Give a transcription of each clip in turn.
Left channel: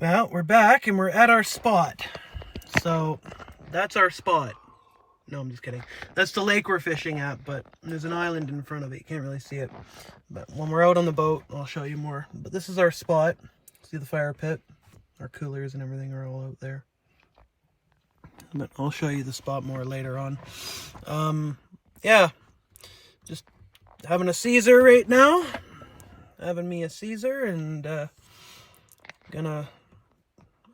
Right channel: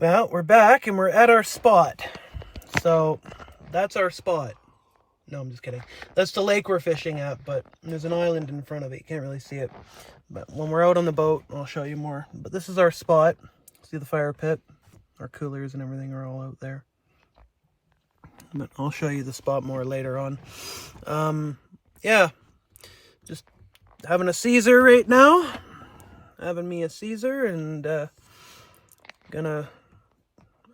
Well, we're back and we're at our spot. So that's our spot. No, I'm just kidding. That's the lake we're fishing at, but there's an island in front of it. You can't really see it. But when we're out on the boat, I'll show you more. But this is our spot. See the fire pit? Our coolers and everything are all out there. But I'll show you the spot more later on. Yeah, just having a Caesar right now. Having me a Caesar and gonna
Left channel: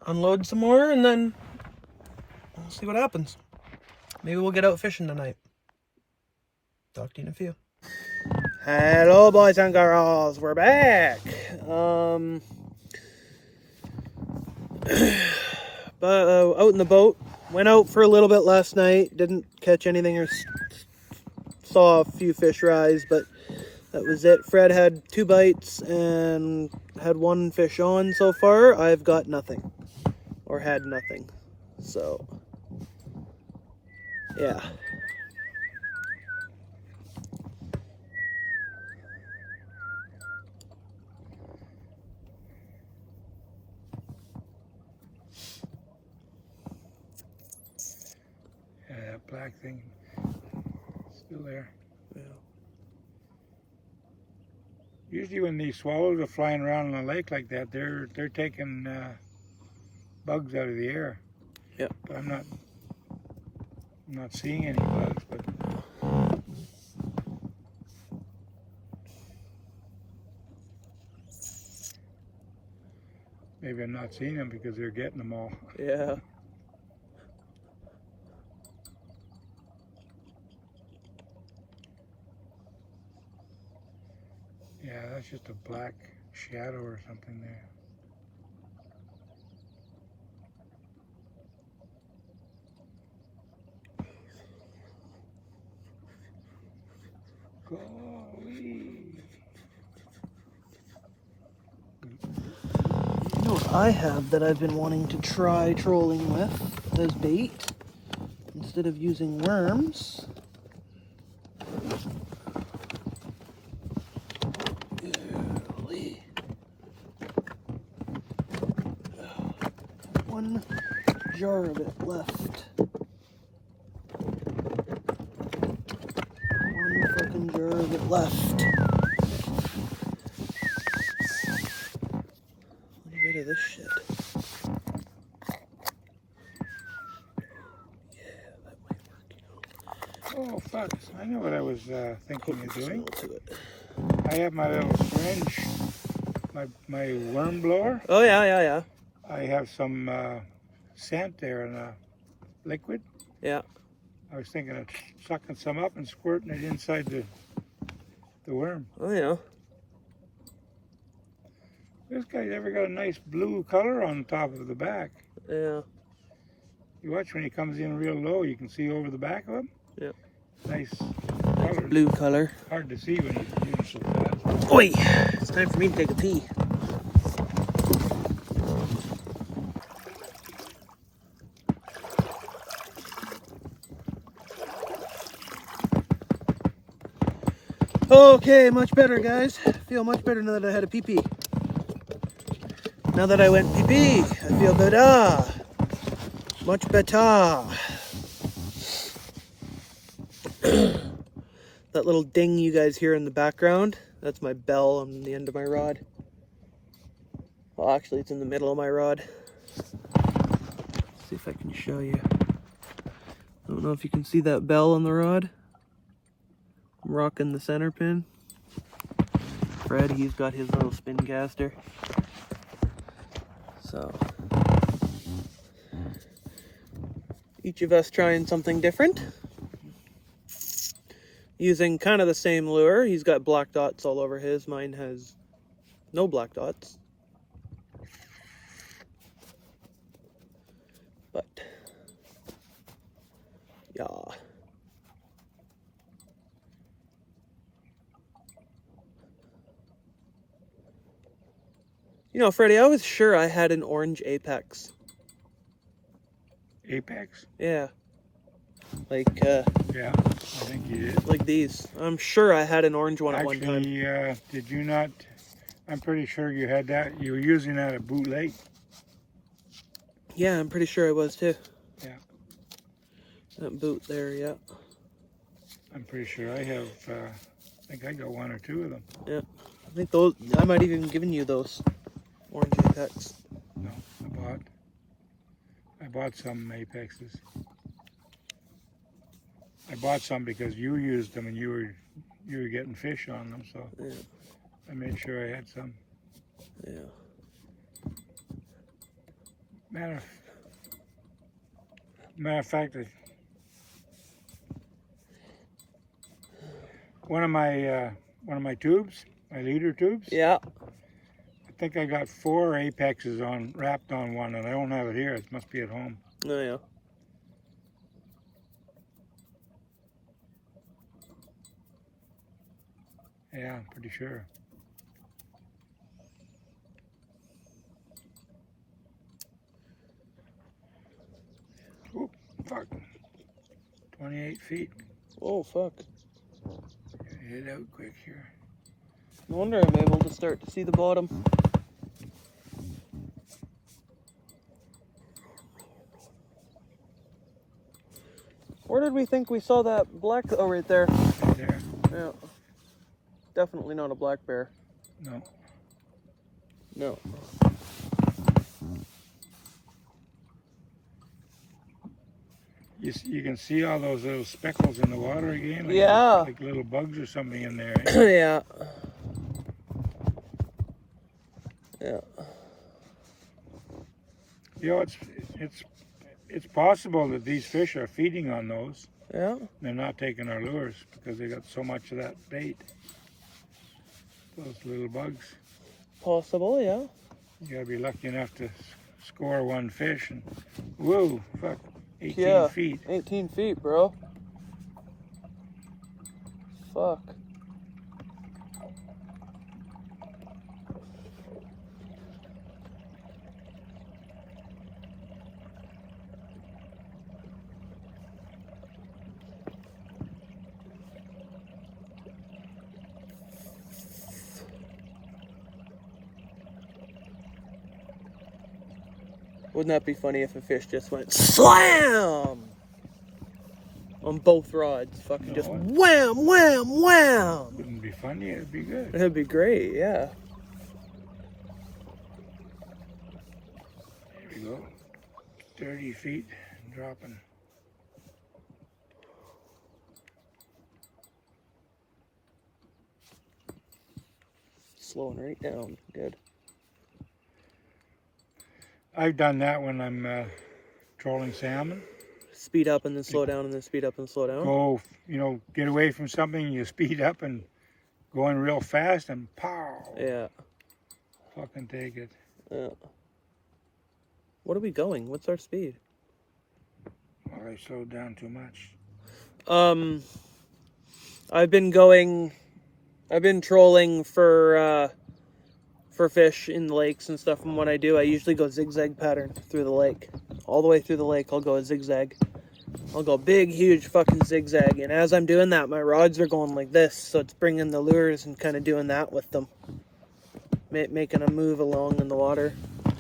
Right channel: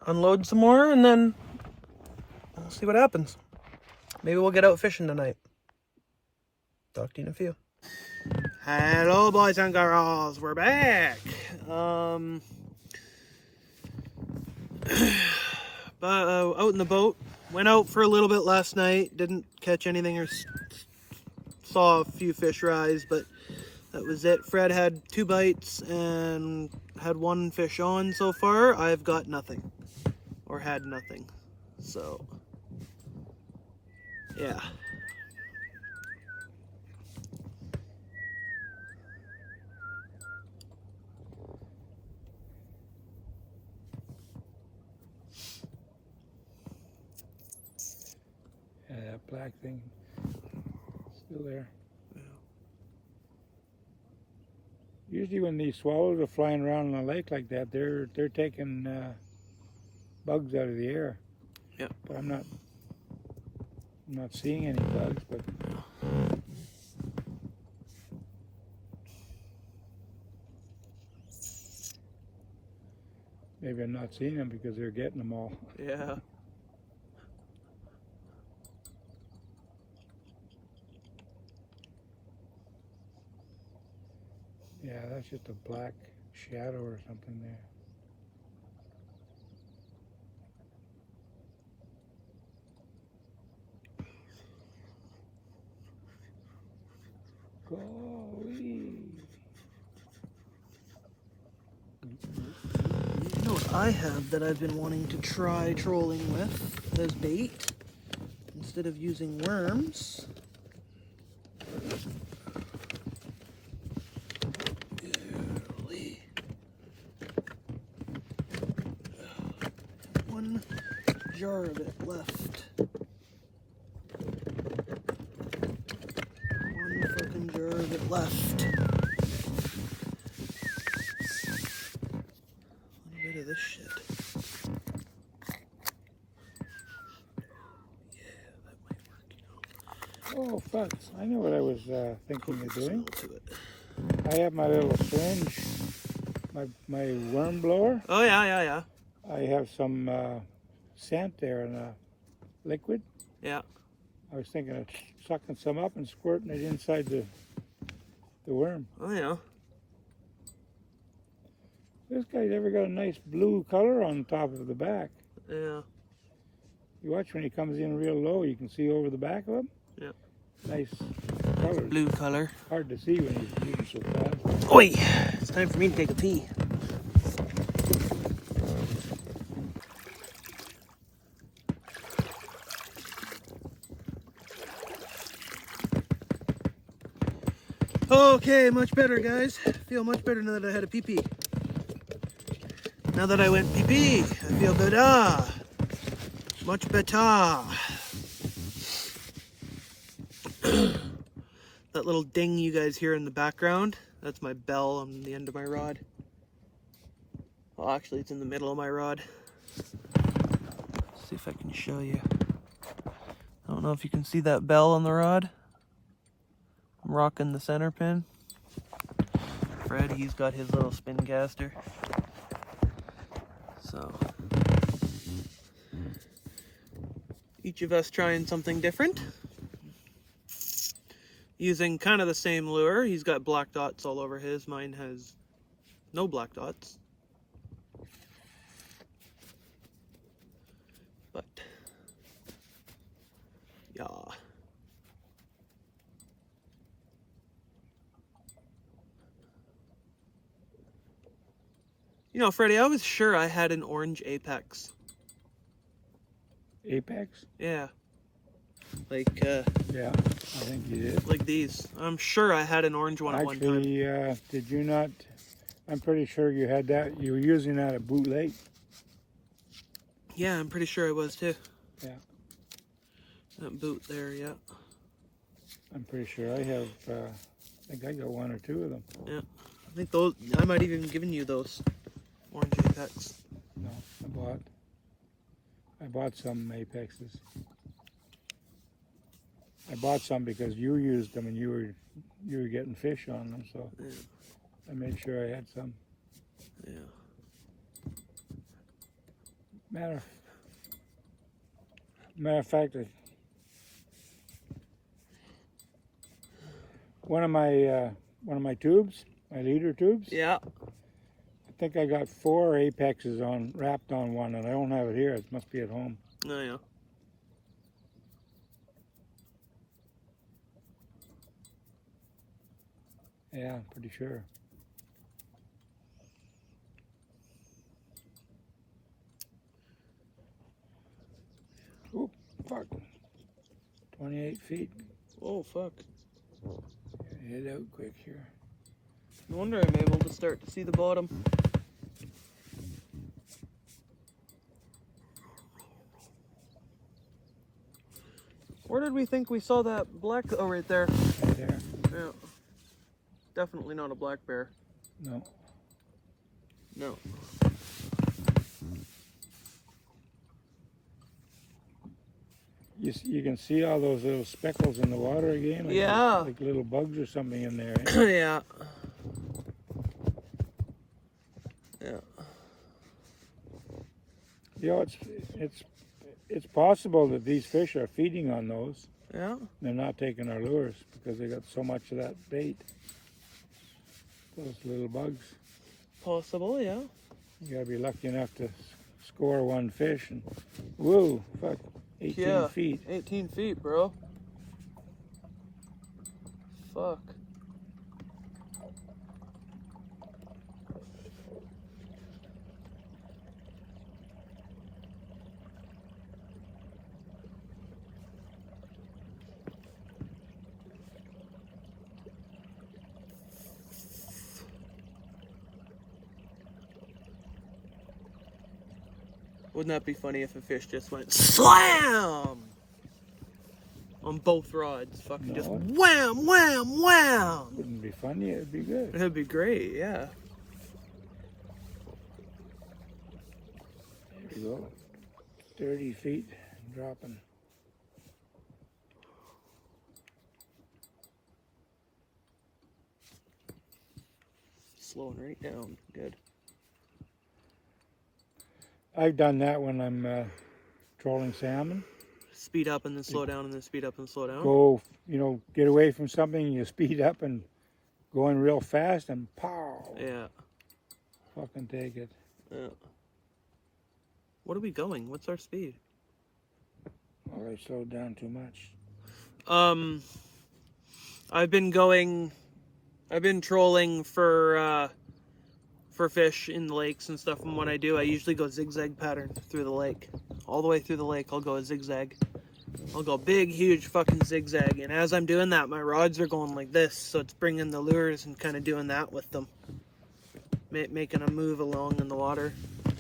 unload some more and then we'll see what happens. Maybe we'll get out fishing tonight. Talk to you in a few. Hello, boys and girls. We're back. But out in the boat. Went out for a little bit last night. Didn't catch anything or saw a few fish rise, but that was it. Fred had 2 bites and had 1 fish on so far. I've got nothing. Or had nothing. So, yeah. Yeah, that black thing still there. Yeah. Usually when these swallows are flying around in the lake like that, they're taking bugs out of the air. Yep. But I'm not seeing any bugs, but maybe I'm not seeing them because they're getting them all. Yeah. Yeah, that's just a black shadow or something there. Golly. You know what I have that I've been wanting to try trolling with as bait? Instead of using worms. Golly. 1 jar of it left. 1 fucking jar of it left. A little bit of this shit. Yeah, that might work, you know. Oh, fuck. I know what I was thinking of doing. To it. I have my little syringe, my worm blower. Oh, yeah. I have some scent there and a liquid. Yeah. I was thinking of sucking some up and squirting it inside the worm. Oh, yeah. This guy's ever got a nice blue color on top of the back. Yeah. You watch when he comes in real low, you can see over the back of him. Yeah. Nice color. Blue color. Hard to see when he's moving so fast. Oi! It's time for me to take a pee. Okay, much better, guys. Feel much better now that I had a pee-pee. Now that I went pee-pee, I feel better. Much better. That little ding you guys hear in the background, that's my bell on the end of my rod. Well, actually, it's in the middle of my rod. Let's see if I can show you. I don't know if you can see that bell on the rod. I'm rocking the center pin. Fred, he's got his little spin caster. So, each of us trying something different. Using kind of the same lure. He's got black dots all over his. Mine has no black dots. But, yeah. You know, Freddie, I was sure I had an orange Apex. Apex? Yeah. Like, Yeah, I think you did. like these. I'm sure I had an orange one at one time. Actually, did you not? I'm pretty sure you had that. You were using that at Boot Lake. Yeah, I'm pretty sure I was too. Yeah. That boot there, yeah. I'm pretty sure I have, I think I got 1 or 2 of them. Yeah. I think those, I might have even given you those orange Apex. No, I bought some Apexes. I bought some because you used them and you were getting fish on them, so Yeah. I made sure I had some. Yeah. Matter of fact, one of my tubes, my leader tubes. Yeah. I think I got 4 Apexes wrapped on one, and I don't have it here. It must be at home. Oh yeah. Yeah, I'm pretty sure. Oop, fuck. 28 feet. Oh fuck. Head out quick here. No wonder I'm able to start to see the bottom. Where did we think we saw that black? Oh, right there. Right there. Yeah. Definitely not a black bear. No. No. You can see all those little speckles in the water again. Yeah. Like little bugs or something in there. Yeah. Yeah. You know, it's possible that these fish are feeding on those. Yeah. They're not taking our lures because they got so much of that bait. Those little bugs. Possible, yeah. You gotta be lucky enough to score 1 fish and whoa, fuck, 18 Yeah. feet. 18 feet, bro. Fuck. Wouldn't that be funny if a fish just went SLAM on both rods? Fucking just No. wham, wham, wham. Wouldn't be funny, it'd be good. That'd be great, yeah. Here we go. 30 feet dropping. Slowing right down. Good. I've done that when I'm trolling salmon. Speed up and then slow down and then speed up and slow down. Go, get away from something, you speed up and going real fast and pow. Yeah. Fucking take it. Yeah. What are we going? What's our speed? Well, they slowed down too much. I've been trolling for fish in the lakes and stuff, and what I do, I usually go zigzag pattern through the lake. All the way through the lake, I'll go a zigzag. I'll go big, huge fucking zigzag, and as I'm doing that, my rods are going like this, so it's bringing the lures and kind of doing that with them. Making them move along in the water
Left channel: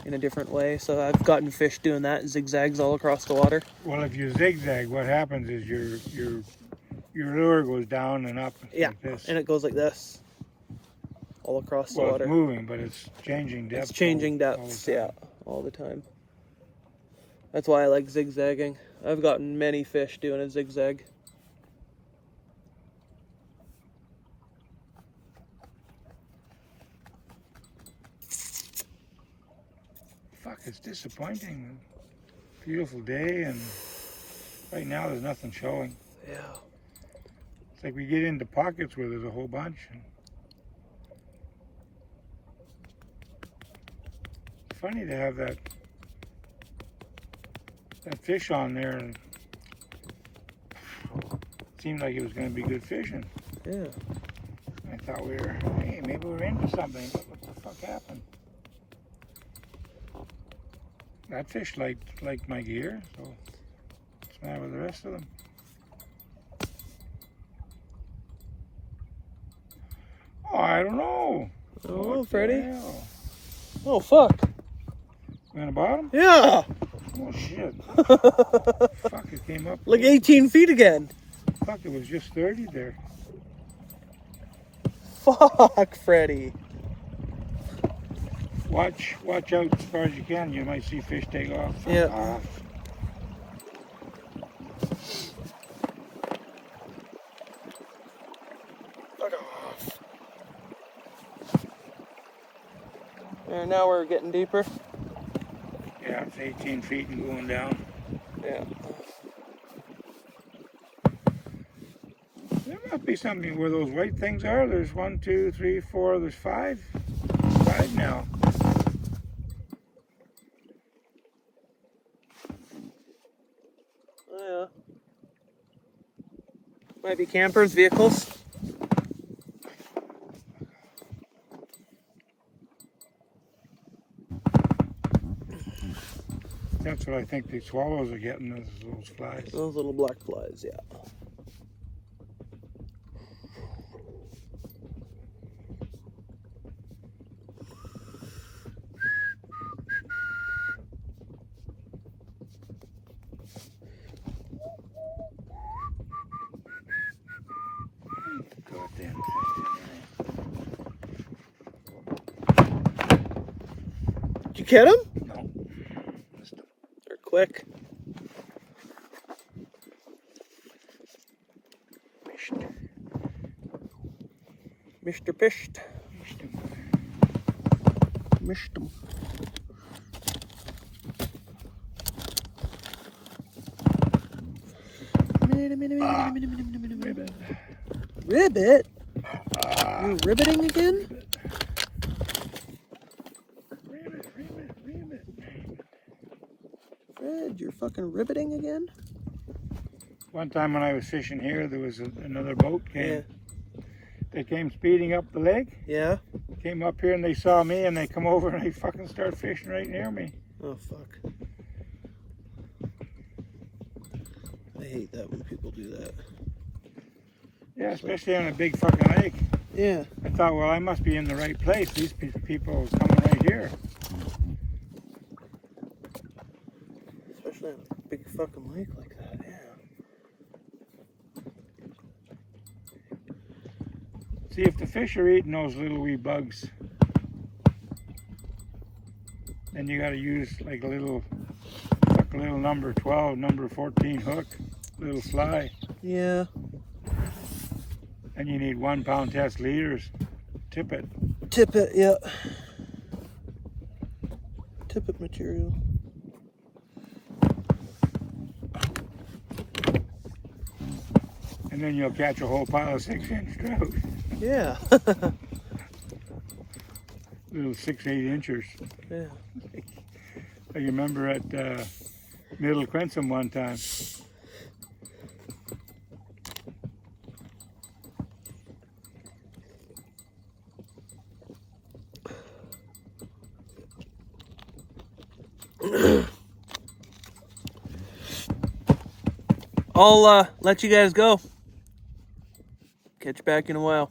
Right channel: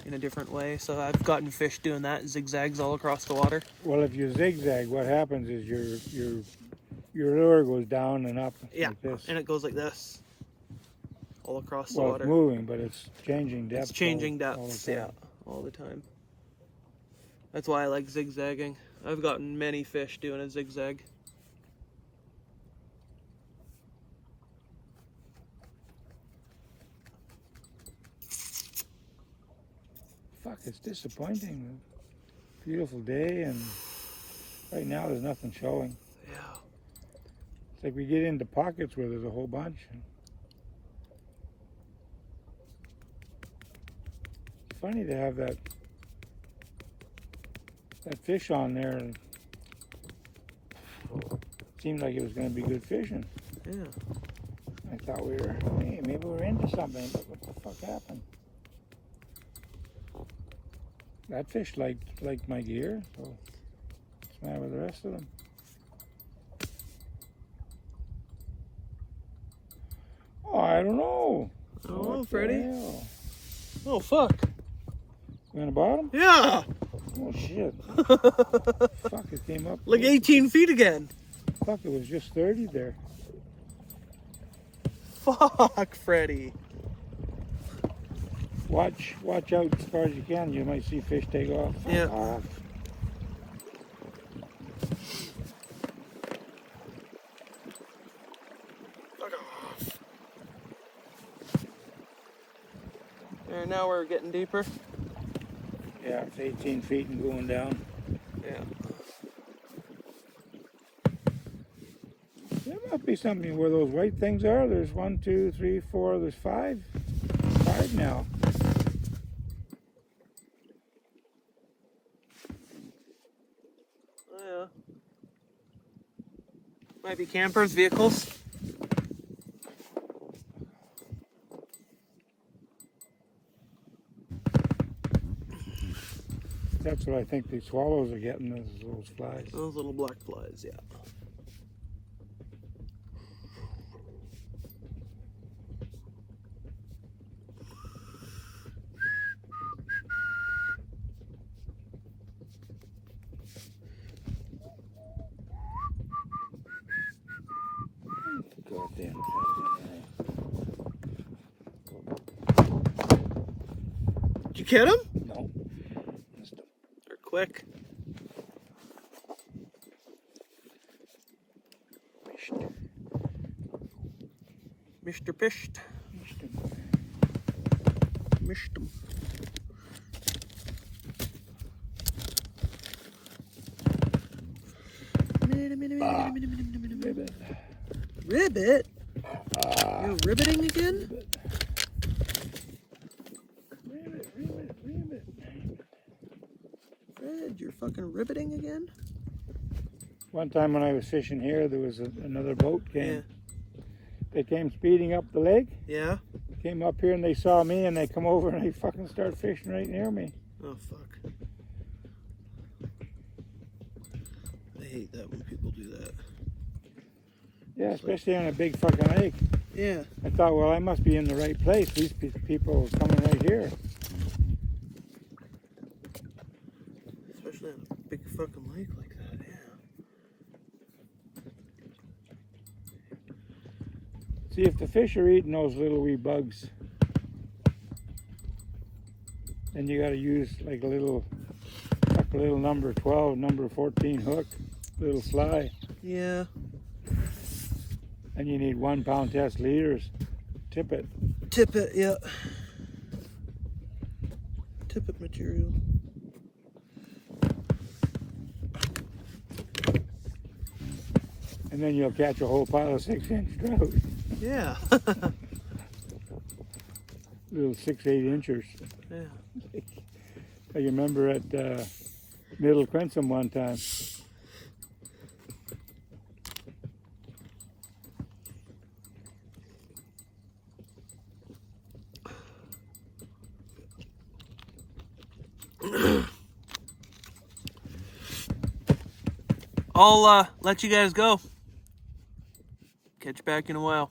in a different way, so I've gotten fish doing that, zigzags all across the water. Well, if you zigzag, what happens is your lure goes down and up Yeah, like this. and it goes like this. All across the Well, water. it's moving, but it's changing depth. It's changing all depths, the time. yeah, all the time. That's why I like zigzagging. I've gotten many fish doing a zigzag. Fuck, it's disappointing. Beautiful day, and right now there's nothing showing. Yeah. It's like we get into pockets where there's a whole bunch. It's funny to have that fish on there, and it seemed like it was going to be good fishing. Yeah. I thought hey, maybe we're into something, but what the fuck happened? That fish liked my gear, so what's the matter with the rest of them? Oh, I don't know. Oh, What the Freddy. hell? Oh, fuck. We on the bottom? Yeah. Oh shit. Fuck, it came up. Like 18 feet again. Fuck, it was just 30 there. Fuck, Freddy. Watch out as far as you can. You might see fish take off. Yeah. Fuck off. And now we're getting deeper. Yeah, it's 18 feet and going down. Yeah. There must be something where those white things are. There's 1, 2, 3, 4. There's 5. 5 now. Oh, yeah. Might be campers, vehicles. That's what I think the swallows are getting, is those flies. Those little black flies, yeah. Goddamn. Did you get him? No. Missed him. They're quick. Mr. Pished. Missed him. Ribbit. Ribbit? You're ribbiting again? Ribbit. Fred, you're fucking ribbiting again? One time when I was fishing here, there was another boat came. Yeah. They came speeding up the lake. Yeah? Came up here and they saw me and they come over and they fucking start fishing right near me. Oh, fuck. I hate that when people do that. Yeah, especially on a big fucking lake. Yeah. I thought, well, I must be in the right place. These people are coming right here. Especially on a big fucking lake like that, yeah. See, if the fish are eating those little wee bugs, then you got to use like a little number 12, number 14 hook, little fly. Yeah. And you need 1 pound test leaders. Tip it. Tippet, yeah. Tippet material. And then you'll catch a whole pile of 6-inch trout. Yeah. Little 6, 8 inchers. Yeah. I remember at Middle Quinsom one time. I'll let you guys go. Catch you back in a while.